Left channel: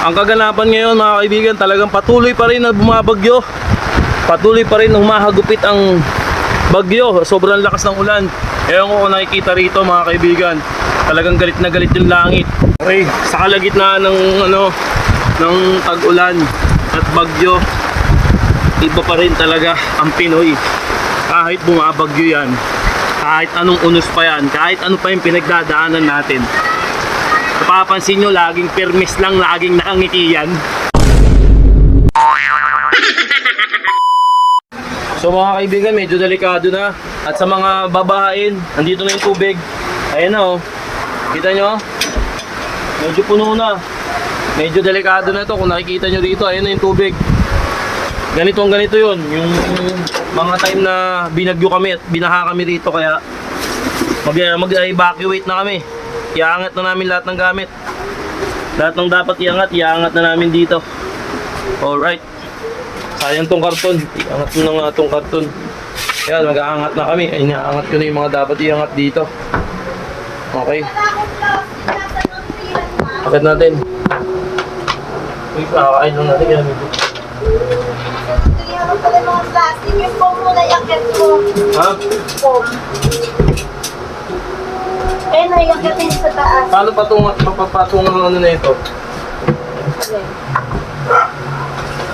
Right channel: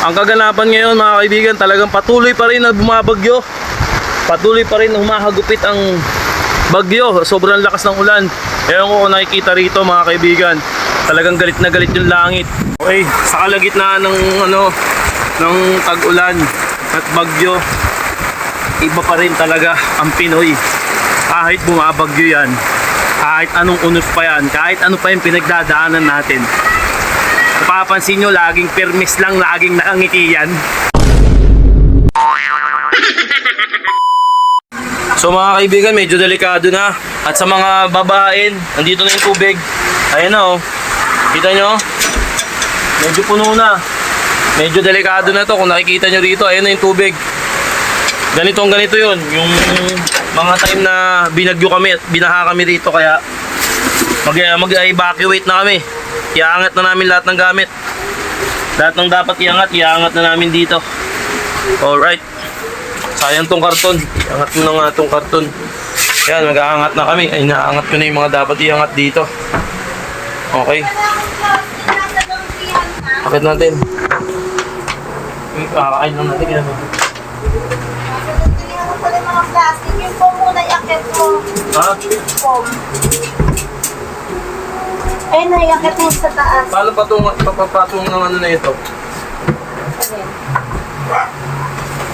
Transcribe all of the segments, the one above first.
Ang kaganapan ngayon mga kaibigan, talagang patuloy pa rin na bumabagyo. Patuloy pa rin na humahagupit ang bagyo. Sobrang lakas ng ulan. Ewan ko kung nakikita rito mga kaibigan. Talagang galit na galit yung langit. Okay, sa kalagitnaan ng ng tag-ulan at bagyo, iba pa rin talaga ang Pinoy. Kahit bumabagyo yan, kahit anong unos pa yan, kahit ano pa yung pinagdadaanan natin, napapansin nyo, laging permis lang, laging nakangiti yan. So mga kaibigan, medyo delikado na. At sa mga babaen, nandito na yung tubig. Ayan na, oh. Kita nyo? Medyo puno na. Medyo delikado na to. Kung nakikita nyo rito, ayan na yung tubig. Ganito yun. Yung mga time na binagyo kami at binaha kami rito, kaya mag-evacuate na kami. Iangat na namin lahat ng gamit. Lahat ng dapat iangat na namin dito. Alright. Sayang tong karton. Iangat mo na nga tong karton. Yan, mag-aangat na kami. Ay, naangat ko na yung mga dapat iangat dito. Okay. Akit natin. Kakain lang natin. Yan. Ano pala yung mga plastic? Yung foam muna yakit mo. Ha? Foam. Eh, naiakit na sa taas. Paano papapatungan ng ano na ito? Okay.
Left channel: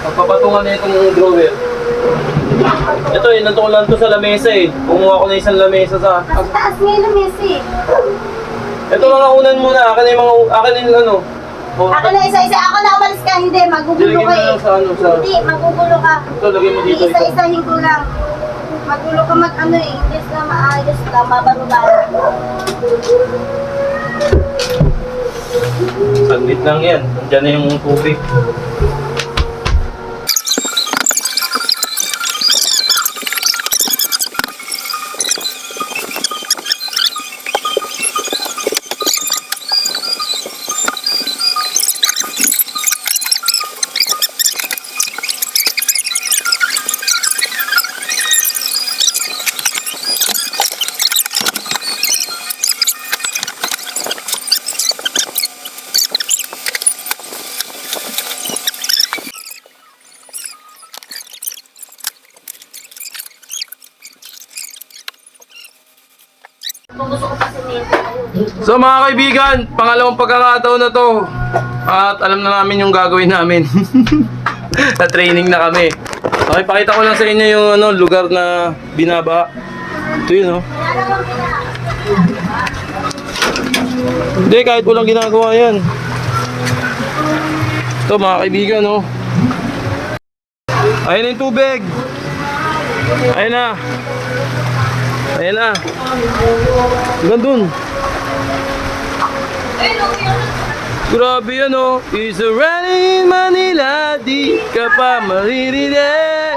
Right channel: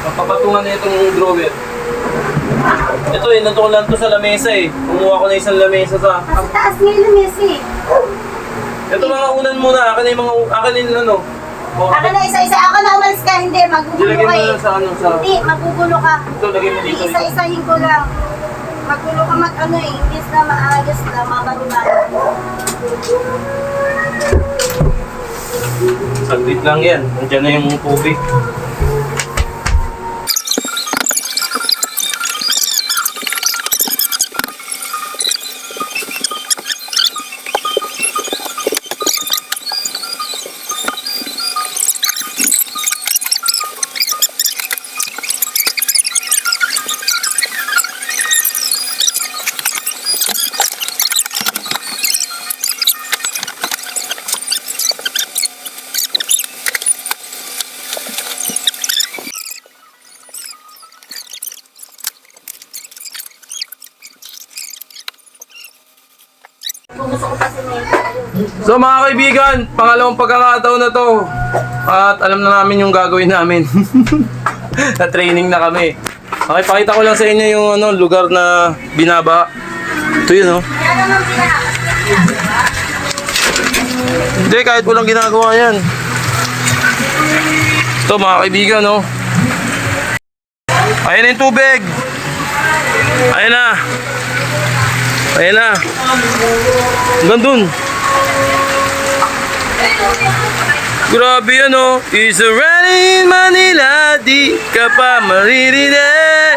Papapatungan na itong drawer. Ito eh, natukulan to sa lamesa eh. Kumuha ko na isang lamesa sa... Nasa taas ngayon na Messi. Ito mga unan muna, akin yung ano. Oh, Akin na isa-isa. Ako na umalis ka. Hindi, magugulo Dilagyan mo ka na eh. lang sa ano, sa... Hindi, magugulo ka. Ito, lagay mo dito. Isa-isahin ko lang. Magulo ka mag-ano eh. Hindi na maayos na, mabarulan. Saglit lang yan. Nandiyan na yung tubig. Gusto ko pa semento. So mga kaibigan, pangalawang pagkakataon na to. At alam na namin yung gagawin namin. Na-training na kami. Okay, pakita ko lang sa inyo yung lugar na binaba. Ito yun, oh. Hindi, kahit walang ginagawa yan. Ito mga kaibigan, oh. Ayan na yung tubig. Ayan na. Ayan na. Hanggang dun. Grabe yan, oh. It's raining in Manila, di ka pa maririnig.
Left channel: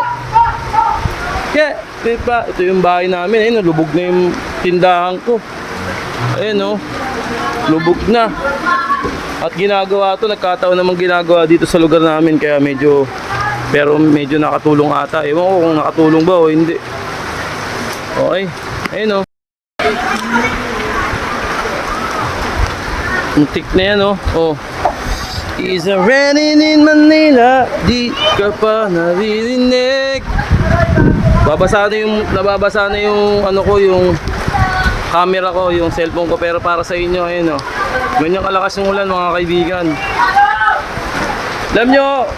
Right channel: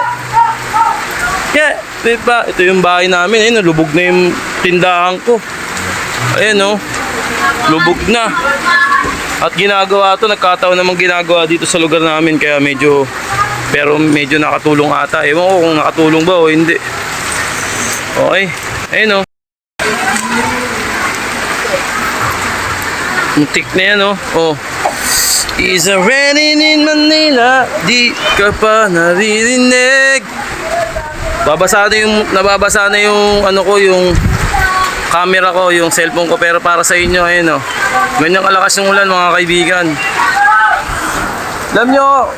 Yeah, diba? Ito yung bahay namin. Ayun, lubog na yung tindahan ko. Ayan, oh. Lubog na. At ginagawa to, nagkataon namang ginagawa dito sa lugar namin. Kaya medyo, pero medyo nakatulong ata. Ewan ko kung nakatulong ba o hindi. Okay. Ayun, oh. Muntik na yan, oh. Oh. It's raining in Manila, di ka pa naririnig. Nababasa na yung ano ko, yung camera ko, yung cellphone ko, pero para sa inyo, ayun, oh. Ganyang kalakas yung ulan, mga kaibigan. Alam nyo,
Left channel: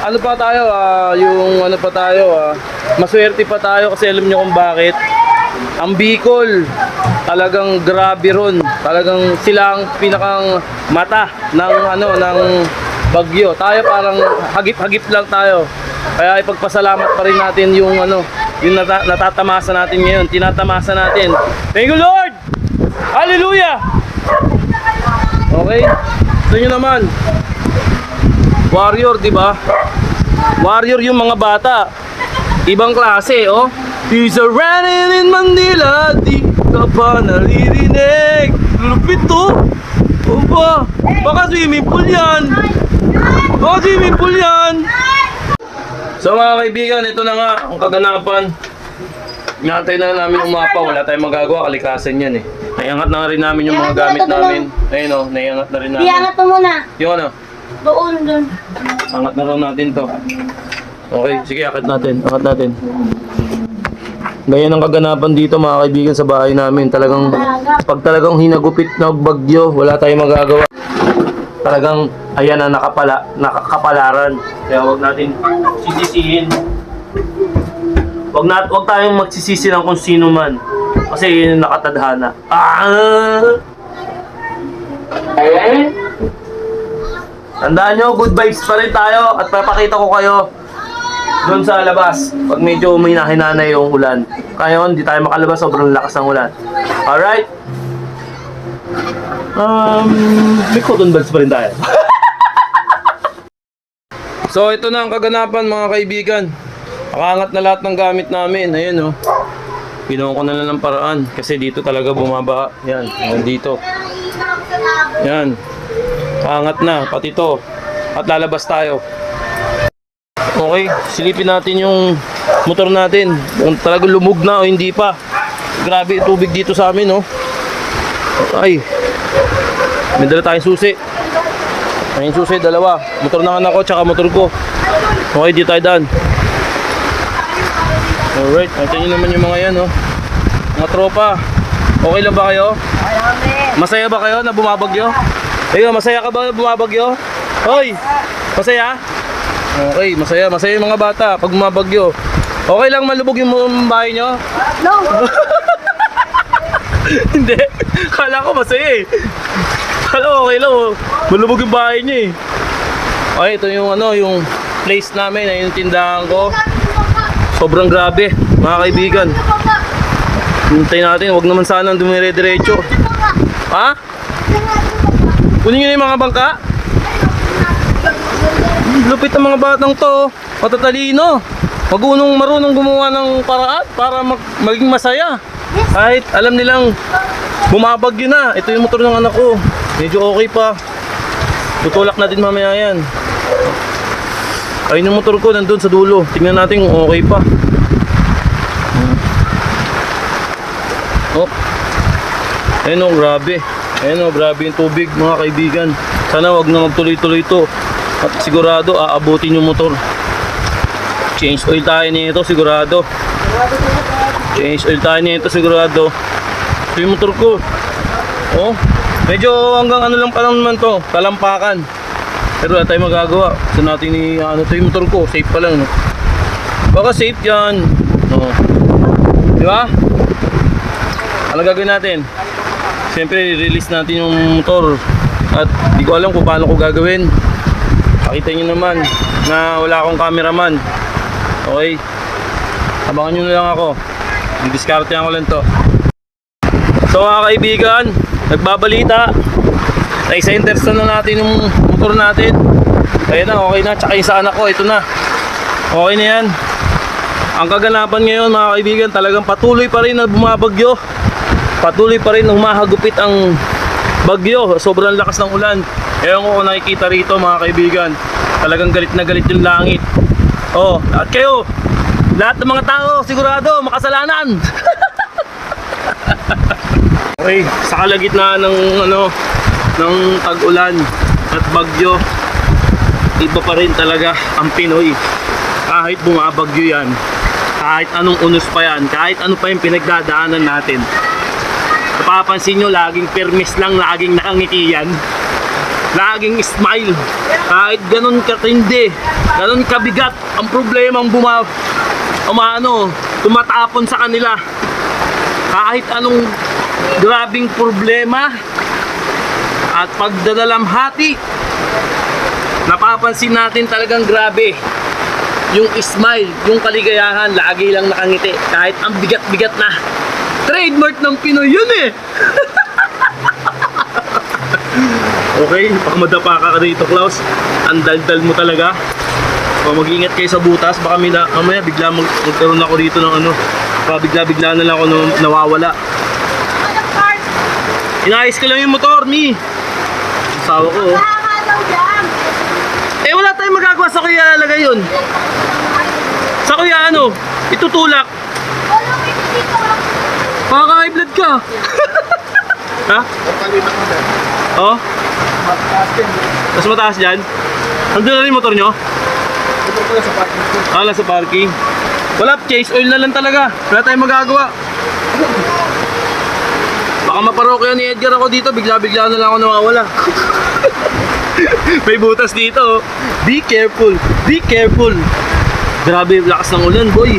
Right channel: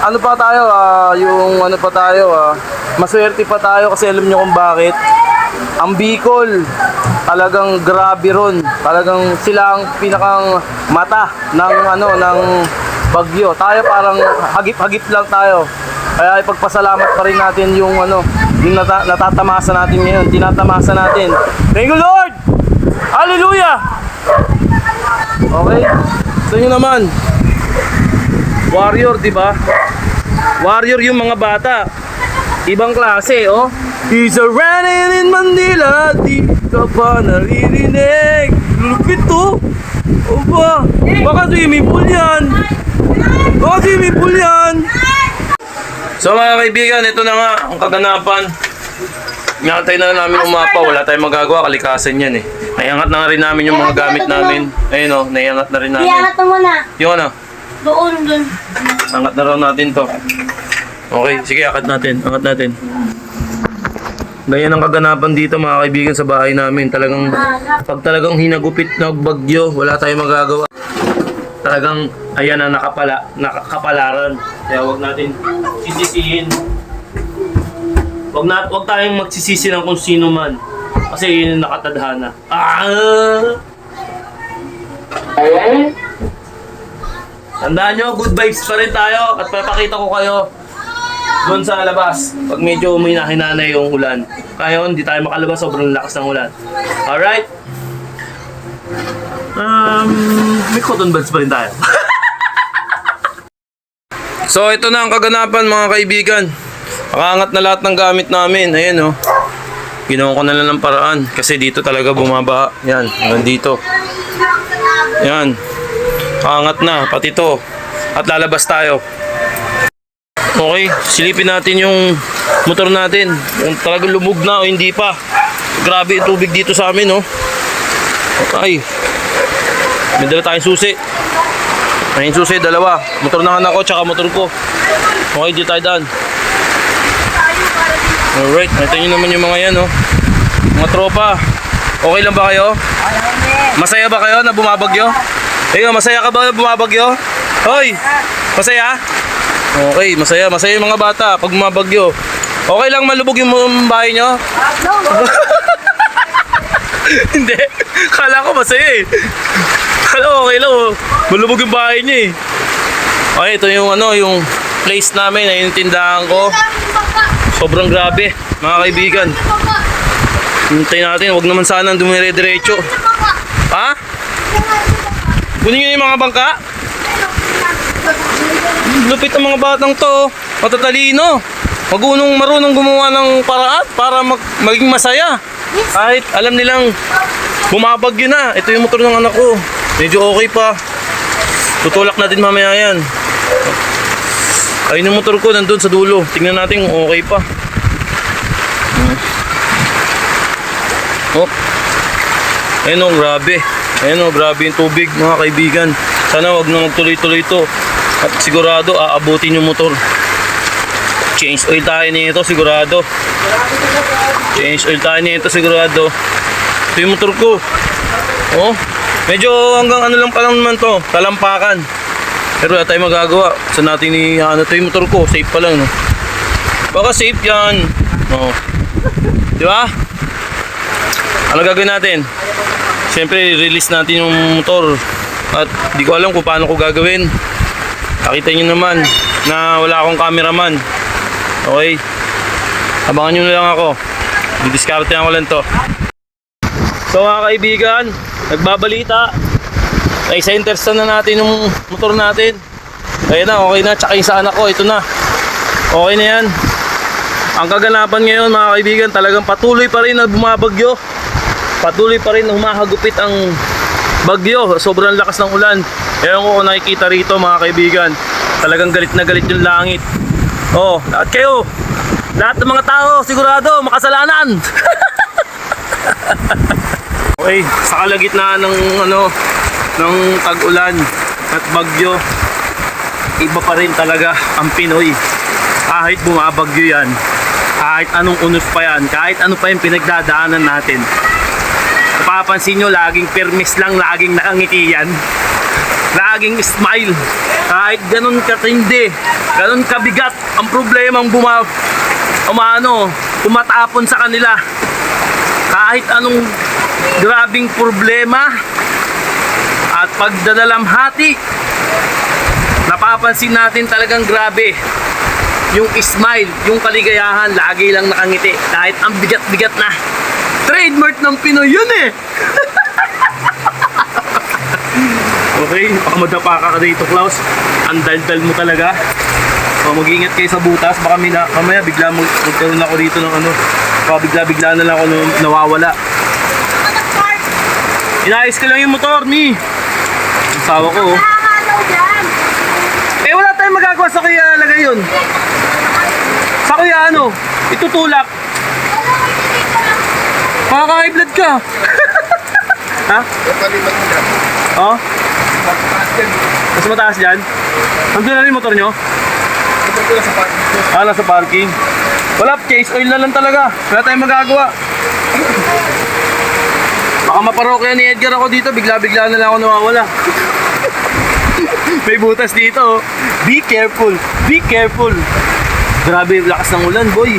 ano pa tayo, maswerte pa tayo kasi alam nyo kung bakit. Ang Bicol, talagang grabe ron. Talagang sila ang pinakang mata ng bagyo. Tayo parang hagip-hagip lang tayo. Kaya ipagpasalamat pa rin natin yung natatamasa natin ngayon. Tinatamasa natin. Thank you, Lord! Hallelujah! Okay? Gusto nyo naman. Warrior, di ba? Warrior yung mga bata. Ibang klase, oh. It's a raining in Manila, di ka pa naririnig. Lupit to. O ba? Baka swimming pool yan. Baka swimming pool yan. So mga kaibigan, ito na nga ang kaganapan. Inantay na namin umapa, wala tayong magagawa, kalikasan yan eh. Naiangat na rin namin yung mga gamit namin. Ayun o, naiangat na rin namin. Iangat mo muna. Yung ano? Doon. Angat na raw natin to. Okay, sige, angat natin. Angat natin. Ganyan ang kaganapan dito mga kaibigan sa bahay namin. Talagang, pag talagang hinagupit na bagyo, wala tayong magagawa. Talagang, ayan ang nakakapalaran. Kaya wag natin sisisihin. Wag tayong magsisisi ng kung sino man. Kasi yun yung nakatadhana. Tandaan nyo, good vibes pa rin tayo at papakita ko kayo doon sa labas pag medyo may nahinanay yung ulan. Kaya hindi tayo makalabas, sobrang lakas ng ulan. Alright? May cotton buds pa rin tayo. So ito na ang kaganapan mga kaibigan. Nakaangat na lahat ng gamit namin. Ayan oh. Ginawa ko na lang ng paraan kasi dito talaga bumaba. Yan, hanggang dito. Yan. Angat na, pati to. At lalabas tayo. Okay, silipin natin yung motor natin. Kung talagang lumog na o hindi pa. Grabe yung tubig dito sa amin, oh. Ay. May dala tayong susi. May susi, dalawa. Motor ng anak ko, tsaka motor ko. Okay, di tayo daan. Alright, nakita nyo naman yung mga yan, oh. Mga tropa. Okay lang ba kayo? Masaya ba kayo na bumabagyo? Ayun, masaya ka ba na bumabagyo? Hoy! Masaya? Okay, masaya. Masaya yung mga bata pag bumabagyo. Okay lang malubog yung bahay nyo? No. Hindi. Kala ko masaya eh. Kala ko okay lang, oh. Malubog yung bahay nyo eh. Okay, ito yung yung place namin. Ayun yung tindahan ko. Sobrang grabe, mga kaibigan. Hintayin natin, wag naman sana dumire-diretso. Ha? Kunin nyo na yung mga bangka? Lupit ng mga batang to. Matatalino. Marunong gumawa ng paraan para maging masaya. Kahit alam nilang bumabagyo na. Ito yung motor ng anak ko. Medyo okay pa. Tutulak natin mamaya yan. Ayun yung motor ko nandun sa dulo. Tingnan natin kung okay pa. Oh. Ayun oh, grabe. Ayun oh, grabe yung tubig mga kaibigan. Sana wag na magtuloy-tuloy ito. At sigurado aabutin yung motor. Change oil tayo nito sigurado. Change oil tayo nito sigurado. Ito yung motor ko. Oh. Medyo hanggang ano lang pa lang naman to. Talampakan. Pero wala tayong magagawa. Sa natin ito yung motor ko. Safe pa lang, no? Baka safe yan. Oh. Di ba? Ano gagawin natin? Siyempre, release natin yung motor. At di ko alam kung paano ko gagawin. Nakita nyo naman na wala akong cameraman. Okay? Abangan nyo na lang ako. Didiskarte ko lang to. So mga kaibigan, nagbabalita. Isa-interest na natin yung motor natin. Ayun na, okay na. Tsaka yung sa anak ko, ito na. Okay na yan. Ang kaganapan ngayon mga kaibigan, talagang patuloy pa rin na bumabagyo. Patuloy pa rin na humahagupit ang bagyo. Sobrang lakas ng ulan. Ewan ko kung nakikita rito mga kaibigan. Talagang galit na galit yung langit. Oh, at kayo, lahat ng mga tao sigurado makasalanan. Okay, sa kalagitnaan ng ng tag-ulan at bagyo, iba pa rin talaga ang Pinoy. Kahit bumabagyo yan, kahit anong unos pa yan, kahit ano pa yung pinagdadaanan natin, napapansin nyo, laging permis lang, laging nakangiti yan, laging smile. Kahit ganun katindi, ganun kabigat ang problemang tumatapon sa kanila, kahit anong grabing problema at pagdadalamhati, napapansin natin talagang grabe yung smile, yung kaligayahan, lagi lang nakangiti kahit ang bigat-bigat na. Trademark ng Pinoy yun eh. Okay, baka madapa ka dito, Klaus. Ang daldal mo talaga. So, mag-iingat kayo sa butas, baka mamaya bigla magkaroon ako dito ng baka bigla na lang ako nawawala. Inayos ko lang yung motor, Mi. Asawa ko, oh. Eh, wala tayong magagawa sa kuya lalagay yun. Sa kuya itutulak. Makaka-high blood ka. Ha? Oh? Mas mataas dyan? Nandun na rin motor nyo? Ah, nasa parking. Wala, chase oil na lang talaga. Wala tayong magagawa. Baka maparokya ni Edgar ako dito, bigla-bigla na lang ako nawawala. May butas dito. Oh. Be careful. Be careful. Grabe, lakas ng ulan, boy.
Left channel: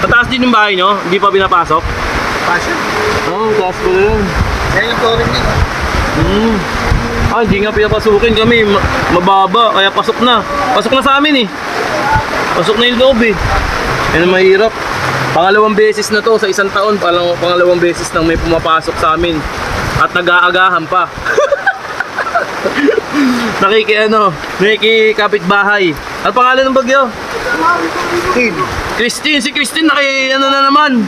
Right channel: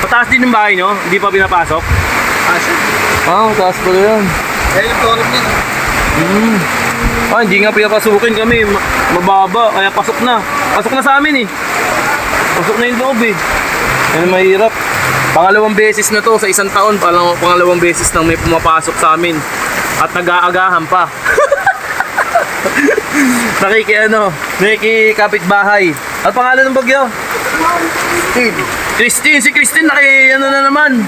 Pataas din yung bahay nyo? Hindi pa pinapasok? Ah, mataas pala yan. Kaya yung flooring niya. Ah, hindi nga pinapasukin kami. Mababa, kaya pasok na. Pasok na sa amin eh. Pasok na yung loob eh. Yan ang mahirap. Pangalawang beses na to sa isang taon. Pangalawang beses nang may pumapasok sa amin. At nag-aagahan pa. Nakikikapitbahay. Ano pangalan ng bagyo? Christine. Si Christine ano na naman.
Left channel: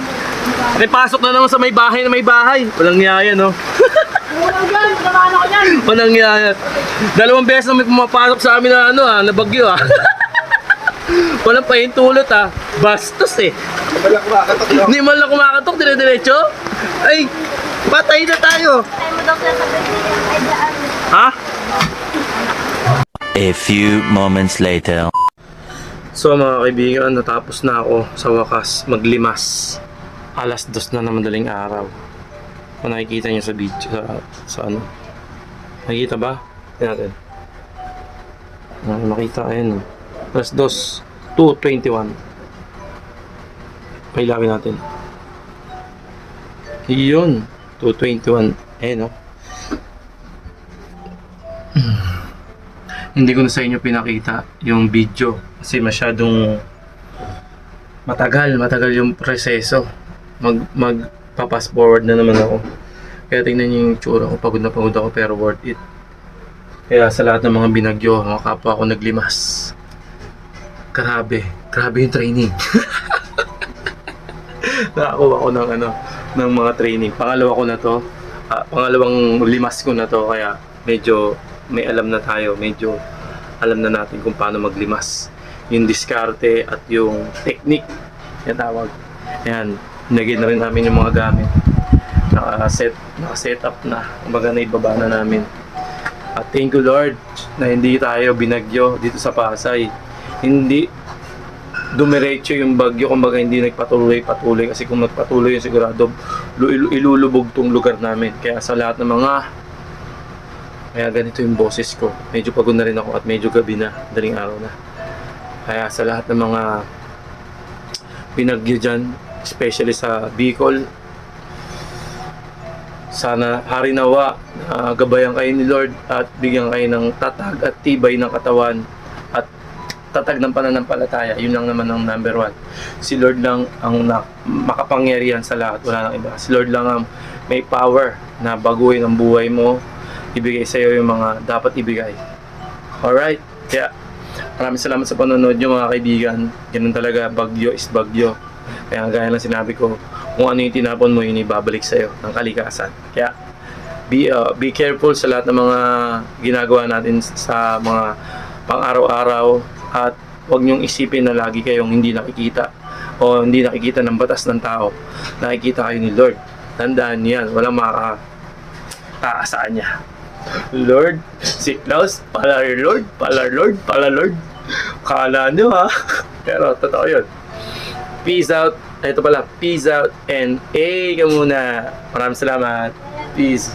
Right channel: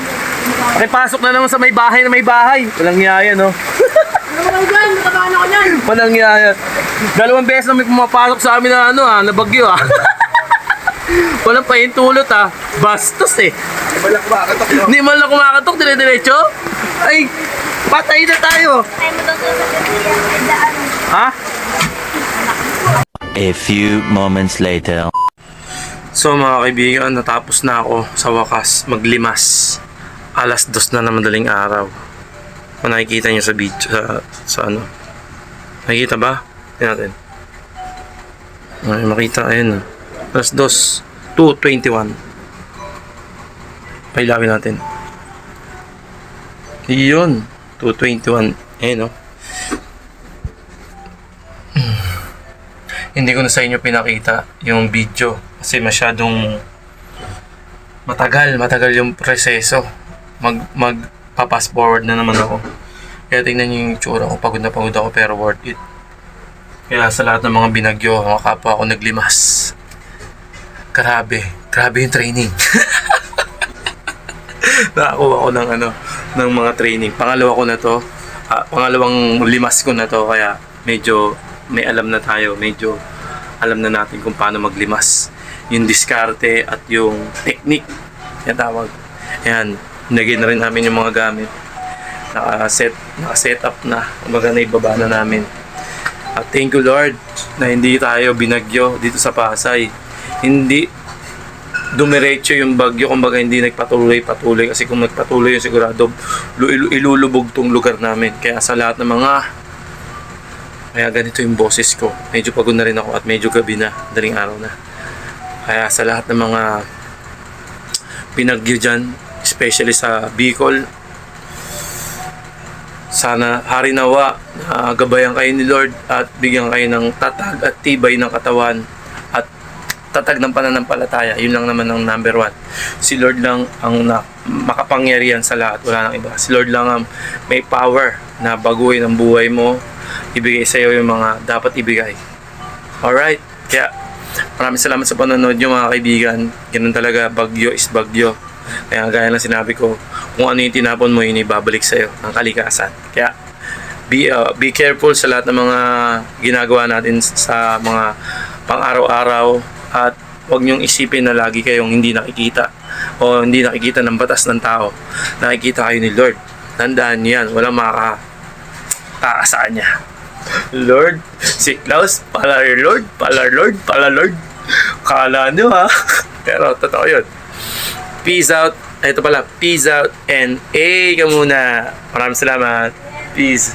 Nakipasok na naman sa may bahay na may bahay. Walang yaya no. Walang yaya. Dalawang beses na may pumapasok sa amin na na bagyo ah. Walang pahintulot ah. Bastos eh. Hindi man lang kumakatok, dire-diretso. Ay, patay na tayo. Tayo mo daw sa pagkakaya ay daan. Ha? A few moments later. So mga kaibigan, natapos na ako sa wakas maglimas. 2:00 na ng madaling araw. Kung nakikita niyo sa video, sa ano. Nakikita ba? Tingnan natin. Ay, makita, ayun. 2:21. Pailawin natin. Iyon. 2:21. Ayun, no? Hindi ko na sa inyo pinakita yung video kasi masyadong matagal yung proseso. Magpa-fast forward na naman ako. Kaya tingnan niyo yung tsura ko. Pagod na pagod ako pero worth it. Kaya sa lahat ng mga binagyo, mga kapwa ako naglimas. Grabe yung training. Nakakuha ko ng mga training. Pangalawa ko na to. Pangalawang limas ko na to kaya medyo may alam na tayo, medyo alam na natin kung paano maglimas. Yung diskarte at yung technique, yan tawag. Yan, naging na rin namin yung mga gamit. Naka-set up na, kumbaga na ibaba na namin. At thank you Lord na hindi tayo binagyo dito sa Pasay. Hindi dumiretso yung bagyo, kumbaga hindi nagpatuloy kasi kung nagpatuloy yung sigurado ilulubog tong lugar namin. Kaya sa lahat ng kaya ganito yung boses ko. Medyo pagod na rin ako at medyo gabi na, daling araw na. Kaya sa lahat ng mga binagyo dyan, especially sa Bicol, sana hari nawa na gabayan kayo ni Lord at bigyan kayo ng tatag at tibay ng katawan at tatag ng pananampalataya. Yun lang naman ang number 1. Si Lord lang ang makapangyarihan sa lahat, wala nang iba. Si Lord lang ang may power na baguhin ang buhay mo, ibigay sa iyo yung mga dapat ibigay. Alright? Kaya maraming salamat sa panonood nyo mga kaibigan. Ganun talaga, bagyo is bagyo. Kaya gaya lang sinabi ko, kung ano yung tinapon mo, yun ibabalik sa iyo ng kalikasan. Kaya be careful sa lahat ng mga ginagawa natin sa mga pang-araw-araw at huwag nyong isipin na lagi kayong hindi nakikita o hindi nakikita ng batas ng tao. Nakikita kayo ni Lord. Tandaan niyo yan, walang makakataasaan niya. Lord, si Klaus, pala Lord. Kala nyo ha. Pero totoo yun. Peace out. Ito pala, peace out and ka muna. Maraming salamat. Peace.